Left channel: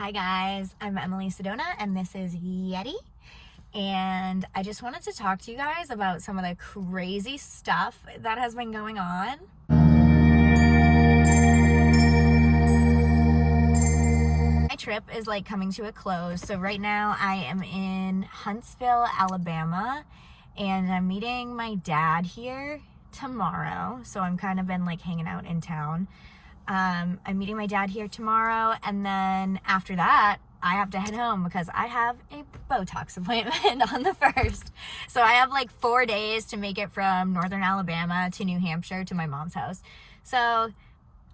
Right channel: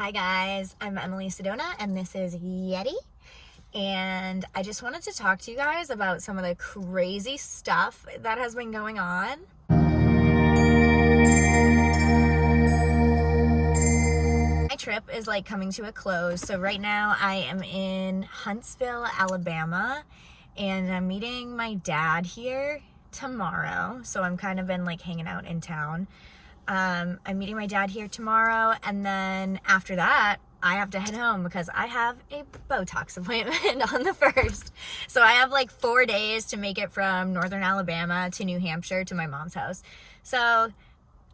Hi guys, I'm Emily Sedona and this is Yeti, and I just wanted to talk to you guys about some of the crazy stuff that has been going on. My trip is coming to a close, so right now I am in Huntsville, Alabama, and I'm meeting my dad here tomorrow, so I'm kind of been hanging out in town. I'm meeting my dad here tomorrow, and then after that, I have to head home because I have a Botox appointment on the 1st. So I have 4 days to make it from northern Alabama to New Hampshire to my mom's house. So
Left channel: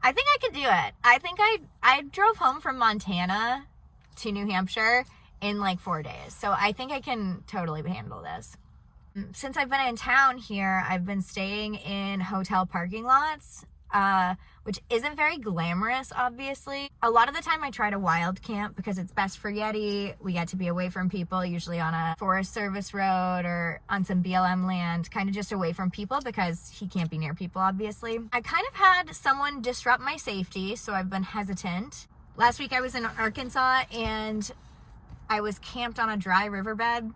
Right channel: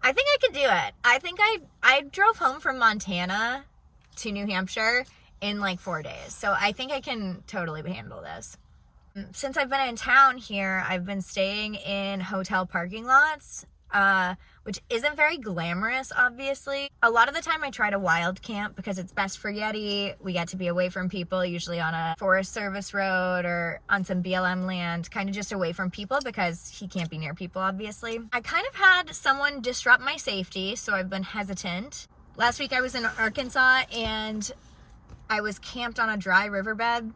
I think I could do it. I think I drove home from Montana to New Hampshire in 4 days. So I think I can totally handle this. Since I've been in town here, I've been staying in hotel parking lots, which isn't very glamorous, obviously. A lot of the time I try to wild camp because it's best for Yeti. We get to be away from people, usually on a Forest Service road or on some BLM land, kind of just away from people because he can't be near people, obviously. I kind of had someone disrupt my safety, so I've been hesitant. Last week I was in Arkansas and I was camped on a dry riverbed.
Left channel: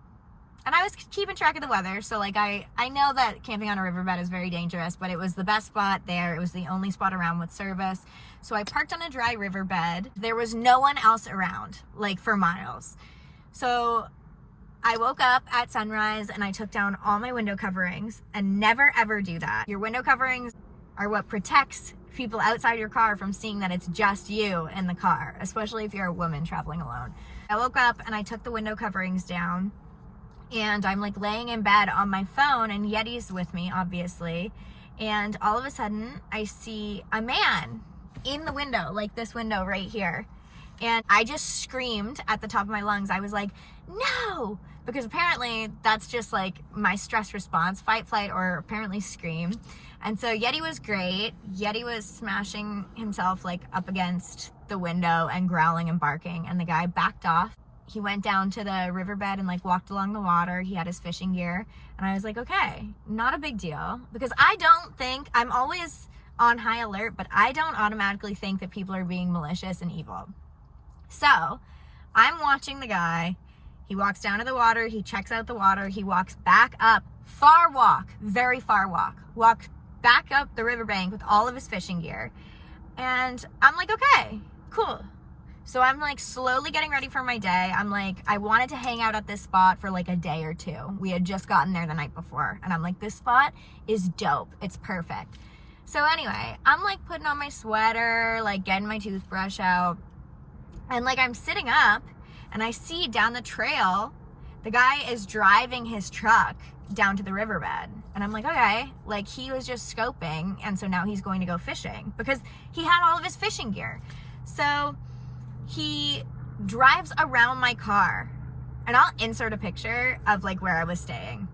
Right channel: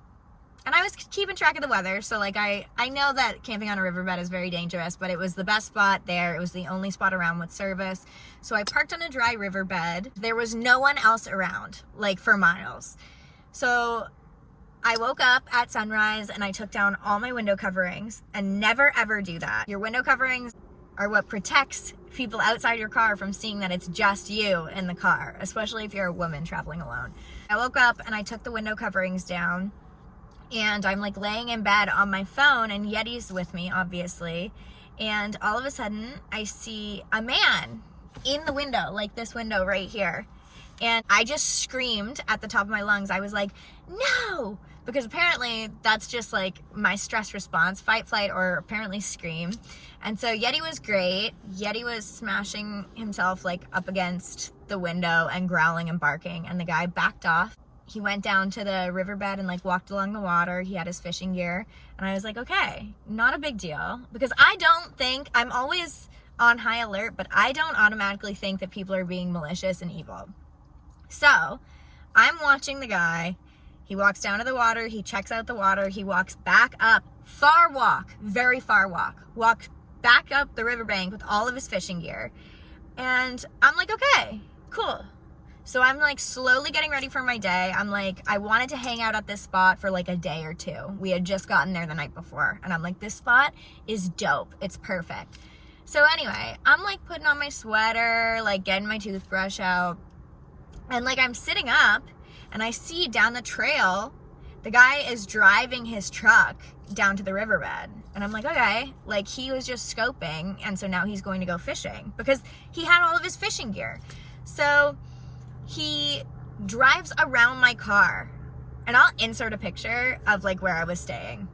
And I was keeping track of the weather, so I know that camping on a riverbed is very dangerous, but it was the best spot there. It was the only spot around with service. So I parked on a dry riverbed. There was no one else around, for miles. So I woke up at sunrise and I took down all my window coverings, and never ever do that. Your window coverings are what protects people outside your car from seeing that it's just you in the car, especially if you're a woman traveling alone. I woke up and I took the window coverings down. And I'm laying in bed on my phone, and Yeti's with me, obviously. And all of a sudden, I see a man in the window, this window right here. And I just screamed at the top of my lungs. I was like, no! Because apparently that's just my stress response, fight, flight, or apparently scream. And so Yeti was great. Yeti was smashing himself up against the window and growling and barking. And the guy backed off. He went down to the riverbed and walked along the water. He had his fishing gear. And I was like, okay, not a big deal. Because I don't think, I'm always on high alert, but I don't automatically think that people are being malicious and evil. So I'm watching the guy. He walks down to the water. He checks out the water. He walks back up, far walk, very far walk. Walked back up the riverbank with all of his fishing gear. And I'm like, okay, cool. So I'm slowly getting ready for my day. I'm I wanted to hang out at this spot for a day or two. We had just gotten there the night before. And I'm this spot is dope. It's perfect. So anyway, I'm putting on my sweater, getting my toothbrush out. And I'm sitting up and I see down the trail, the guy is driving his truck down to the riverbed. And I'm okay, he was just scoping. And so now he's going to go fishing because he had all of his fishing gear. So he drives around my car, and I'll insert a picture of where I was staying.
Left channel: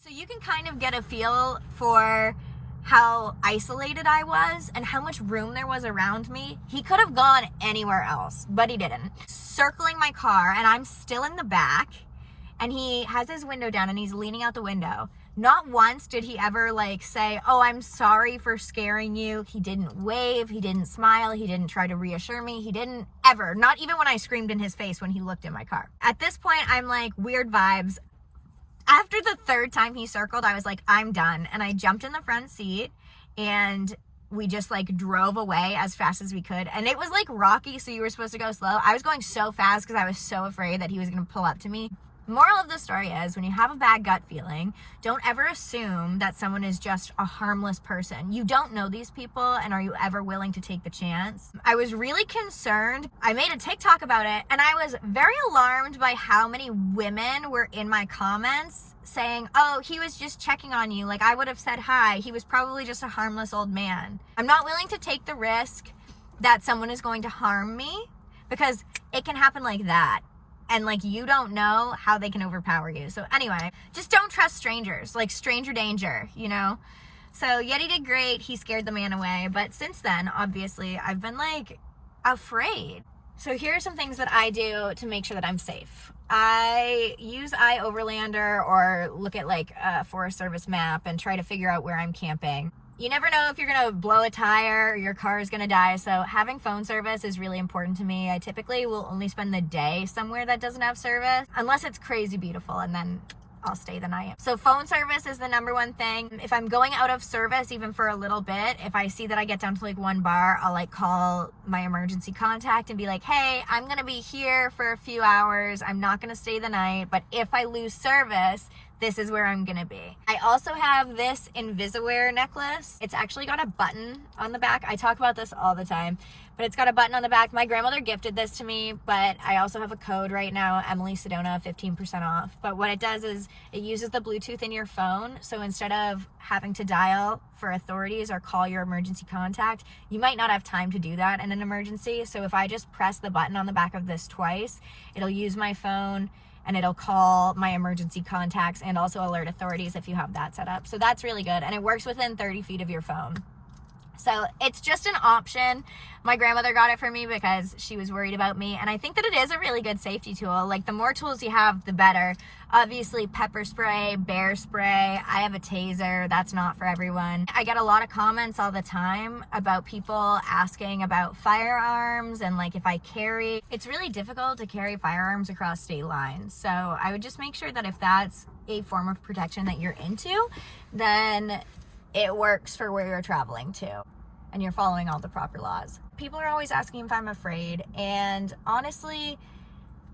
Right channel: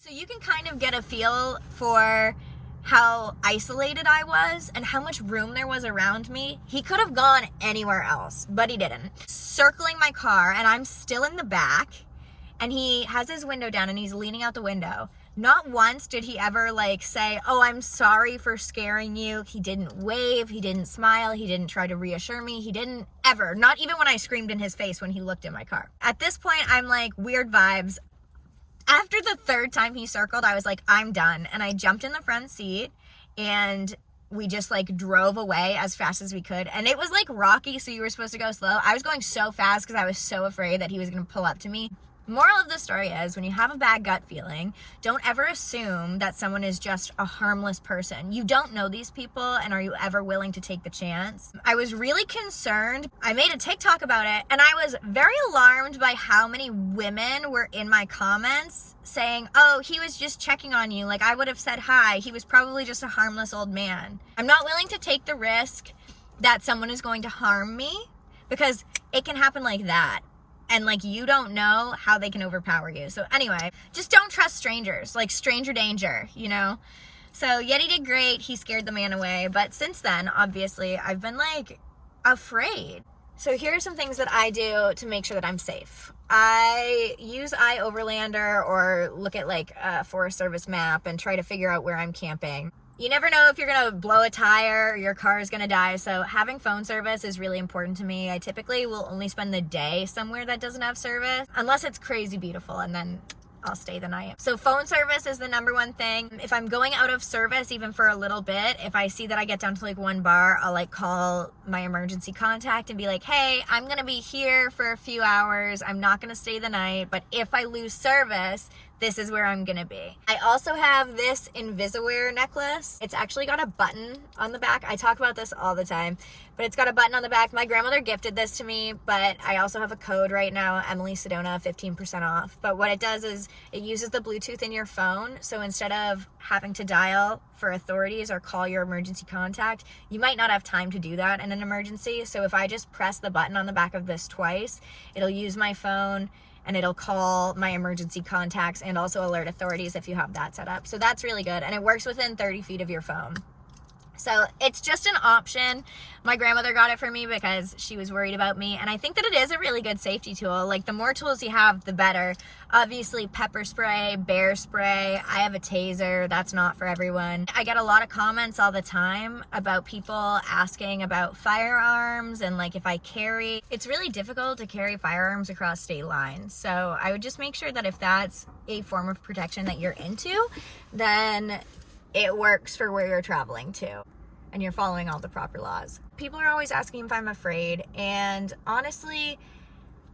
So you can kind of get a feel for how isolated I was and how much room there was around me. He could have gone anywhere else, but he didn't. Circling my car, and I'm still in the back. And he has his window down and he's leaning out the window. Not once did he ever say, oh, I'm sorry for scaring you. He didn't wave. He didn't smile. He didn't try to reassure me. He didn't ever, not even when I screamed in his face when he looked in my car. At this point, I'm weird vibes. After the 3rd time he circled, I was I'm done. And I jumped in the front seat and we just drove away as fast as we could. And it was rocky, so you were supposed to go slow. I was going so fast because I was so afraid that he was going to pull up to me. Moral of the story is, when you have a bad gut feeling, don't ever assume that someone is just a harmless person. You don't know these people, and are you ever willing to take the chance? I was really concerned. I made a TikTok about it, and I was very alarmed by how many women were in my comments saying, oh, he was just checking on you. I would have said hi. He was probably just a harmless old man. I'm not willing to take the risk that someone is going to harm me because it can happen like that. And you don't know how they can overpower you. So anyway, just don't trust strangers, stranger danger, So Yeti did great. He scared the man away. But since then, obviously, I've been afraid. So here are some things that I do to make sure that I'm safe. I use iOverlander or look at like a Forest Service map and try to figure out where I'm camping. You never know if you're gonna blow a tire or your car is gonna die, so having phone service is really important to me. I typically will only spend the day somewhere that doesn't have service, unless it's crazy beautiful, and then I'll stay the night. So phone service is the number one thing. If I'm going out of service, even for a little bit, if I see that I get down to like one bar, I'll like call my emergency contact and be like, hey, I'm gonna be here for a few hours. I'm not gonna stay the night, but if I lose service, this is where I'm gonna be. I also have this Invisaware necklace. It's actually got a button on the back. I talk about this all the time, but it's got a button on the back. My grandmother gifted this to me, but I also have a code right now, Emily Sedona, 15% off. But what it does is it uses the Bluetooth in your phone. So instead of having to dial for authorities or call your emergency contact, you might not have time to do that in an emergency. So if I just press the button on the back of this twice, it'll use my phone and it'll call my emergency contacts and also alert authorities if you have that set up. So that's really good. And it works within 30 feet of your phone. So it's just an option. My grandmother got it for me because she was worried about me. And I think that it is a really good safety tool. Like the more tools you have, the better. Obviously pepper spray, bear spray. I have a taser. That's not for everyone. I get a lot of comments all the time about people asking about firearms and like if I carry. It's really difficult to carry firearms across state lines. So I would just make sure that if that's a form of protection that you're into, then it works for where you're traveling to and you're following all the proper laws. People are always asking if I'm afraid, and honestly,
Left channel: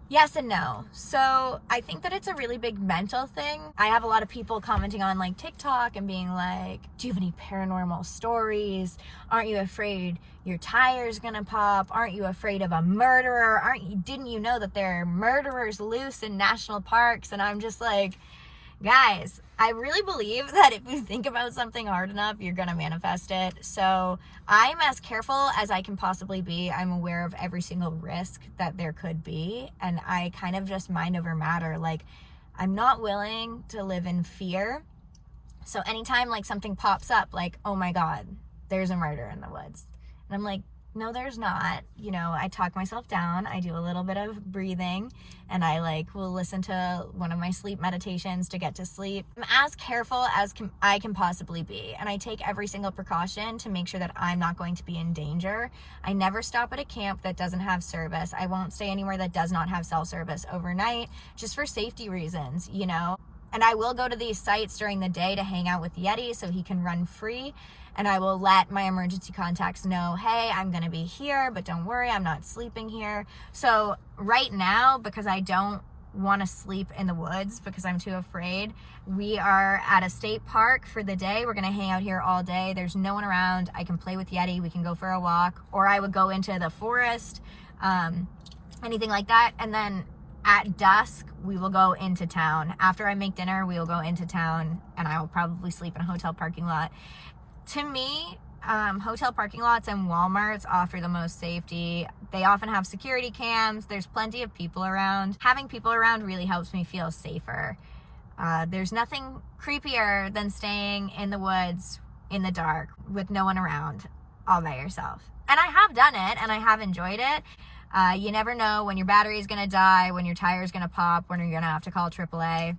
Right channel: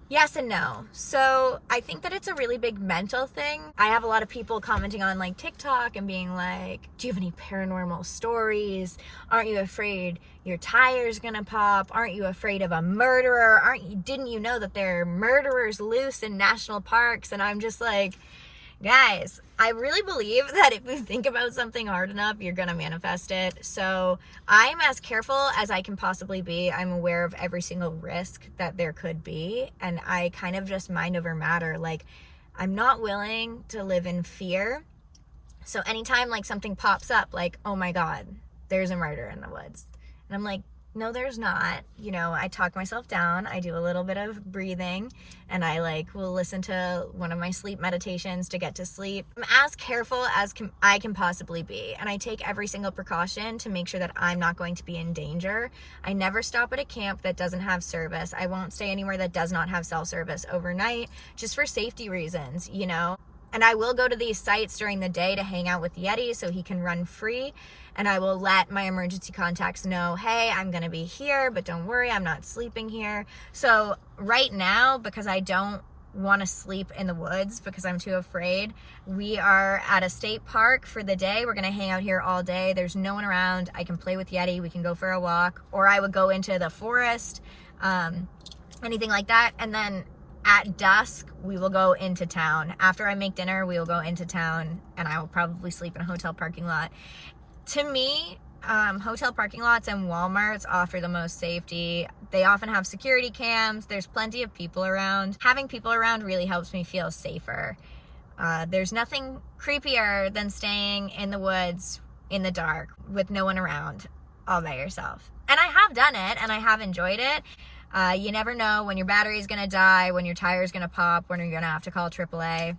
yes and no. So I think that it's a really big mental thing. I have a lot of people commenting on like TikTok and being like, do you have any paranormal stories? Aren't you afraid your tire's gonna pop? Aren't you afraid of a murderer? Didn't you know that there are murderers loose in national parks? And I'm just like, guys, I really believe that if you think about something hard enough, you're gonna manifest it. So I'm as careful as I can possibly be. I'm aware of every single risk that there could be, and I kind of just mind over matter. Like, I'm not willing to live in fear. So anytime like something pops up, like, oh my God, there's a murder in the woods, and I'm like, no, there's not. You know, I talk myself down. I do a little bit of breathing, and I like will listen to one of my sleep meditations to get to sleep. I'm as careful as I can possibly be, and I take every single precaution to make sure that I'm not going to be in danger. I never stop at a camp that doesn't have service. I won't stay anywhere that does not have cell service overnight, just for safety reasons, you know? And I will go to these sites during the day to hang out with Yeti so he can run free. And I will let my emergency contacts know, hey, I'm gonna be here, but don't worry, I'm not sleeping here. So right now, because I don't wanna sleep in the woods because I'm too afraid, we are at a state park for the day. We're gonna hang out here all day. There's no one around. I can play with Yeti, we can go for a walk, or I would go into the forest, anything like that. And then at dusk, we will go into town. After I make dinner, we will go into town, and I will probably sleep in a hotel parking lot. To me, hotel parking lots and Walmarts offer the most safety. They often have security cams. There's plenty of people around. Having people around really helps me feel safer. There's nothing creepier than staying in the woods in the dark with no one around, all by yourself. And I have done it, and I have enjoyed it. You never know when your battery is gonna die, when your tire is gonna pop, when you're gonna have to call AAA.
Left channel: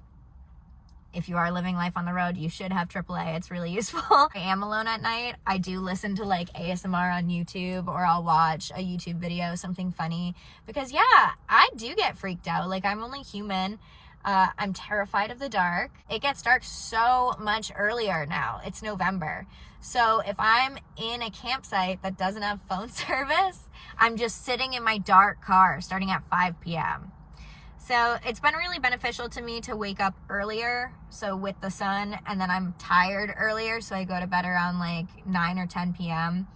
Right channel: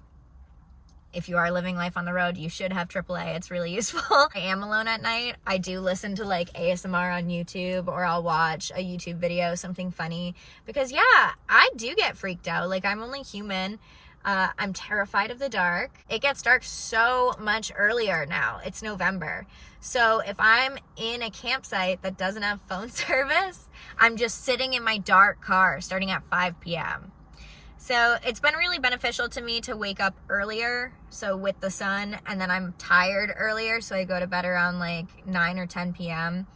If you are living life on the road, you should have AAA. It's really useful. I am alone at night. I do listen to like ASMR on YouTube, or I'll watch a YouTube video, something funny, because yeah, I do get freaked out. Like, I'm only human. I'm terrified of the dark. It gets dark so much earlier now. It's November. So if I'm in a campsite that doesn't have phone service, I'm just sitting in my dark car starting at 5 p.m. So it's been really beneficial to me to wake up earlier, so with the sun, and then I'm tired earlier, so I go to bed around like 9 or 10 p.m.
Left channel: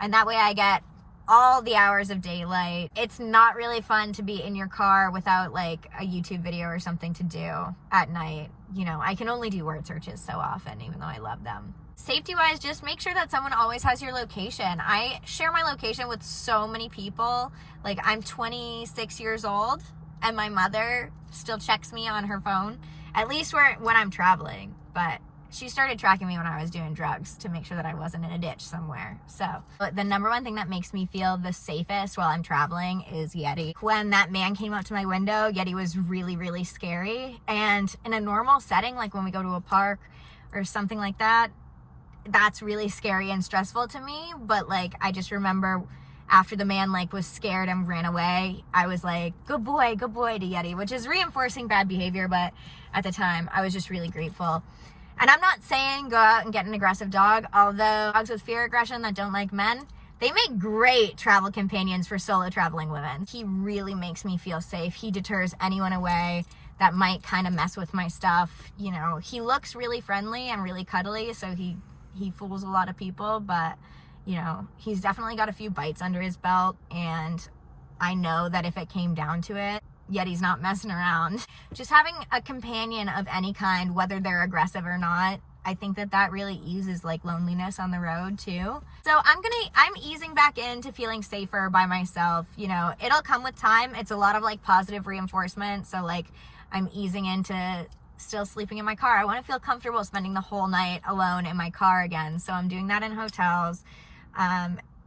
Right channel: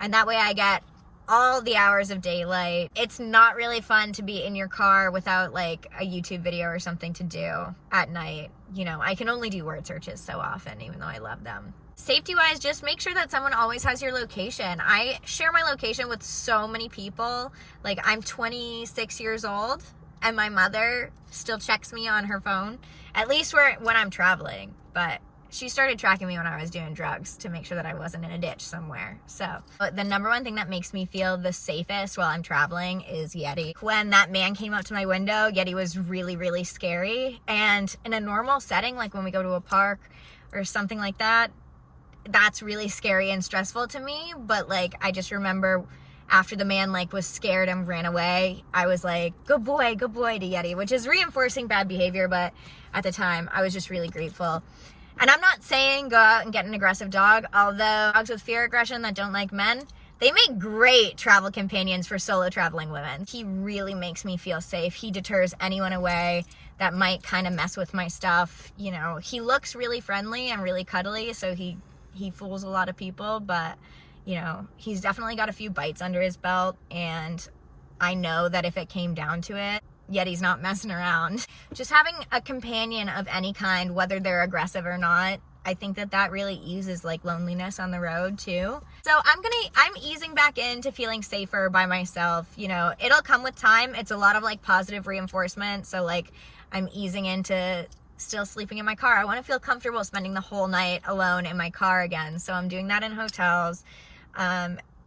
And that way I get all the hours of daylight. It's not really fun to be in your car without like a YouTube video or something to do at night. You know, I can only do word searches so often, even though I love them. Safety wise, just make sure that someone always has your location. I share my location with so many people. Like, I'm 26 years old, and my mother still checks me on her phone, at least when I'm traveling, but she started tracking me when I was doing drugs to make sure that I wasn't in a ditch somewhere. So the number one thing that makes me feel the safest while I'm traveling is Yeti. When that man came up to my window, Yeti was really, really scary. And in a normal setting, like when we go to a park or something like that, that's really scary and stressful to me. But like, I just remember after the man like was scared and ran away, I was like, good boy to Yeti, which is reinforcing bad behavior. But at the time, I was just really grateful. And I'm not saying go out and get an aggressive dog, although dogs with fear aggression that don't like men, they make great travel companions for solo traveling women. He really makes me feel safe. He deters anyone away that might kind of mess with my stuff. You know, he looks really friendly and really cuddly, so he fools a lot of people, but you know, he's definitely got a few bites under his belt, and I know that if it came down to it, Yeti's not messing around. Just having a companion of any kind, whether they're aggressive or not, I think that really eases like loneliness on the road too. So I'm easing back into feeling safer by myself. You know, it'll come with time. It's a lot of like positive reinforcement. So like I'm easing into still sleeping in my car. I want to feel comfortable spending the whole night alone in my car again. So I'm doing that in hotels.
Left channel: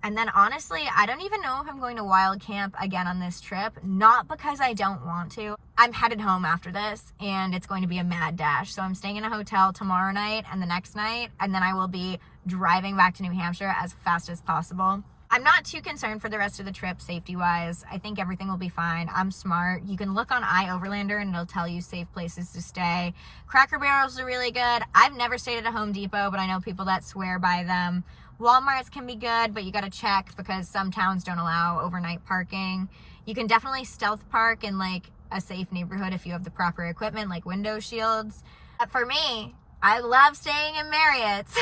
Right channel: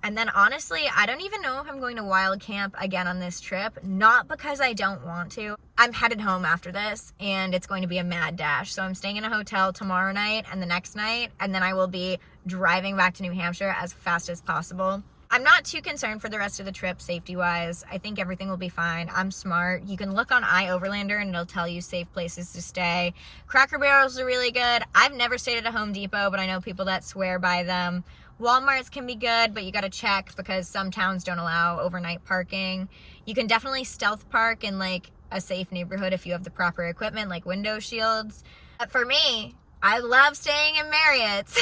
And then honestly, I don't even know if I'm going to wild camp again on this trip, not because I don't want to. I'm headed home after this, and it's going to be a mad dash. So I'm staying in a hotel tomorrow night and the next night, and then I will be driving back to New Hampshire as fast as possible. I'm not too concerned for the rest of the trip safety-wise. I think everything will be fine. I'm smart. You can look on iOverlander and it'll tell you safe places to stay. Cracker Barrels are really good. I've never stayed at a Home Depot, but I know people that swear by them. Walmart's can be good, but you got to check because some towns don't allow overnight parking. You can definitely stealth park in like a safe neighborhood if you have the proper equipment, like window shields. But for me, I love staying in Marriott's.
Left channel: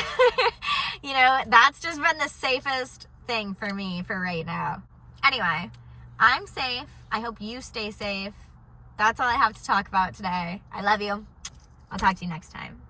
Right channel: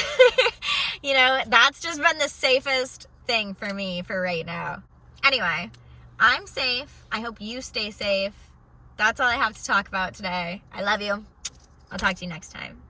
You know, that's just been the safest thing for me for right now. Anyway, I'm safe. I hope you stay safe. That's all I have to talk about today. I love you. I'll talk to you next time.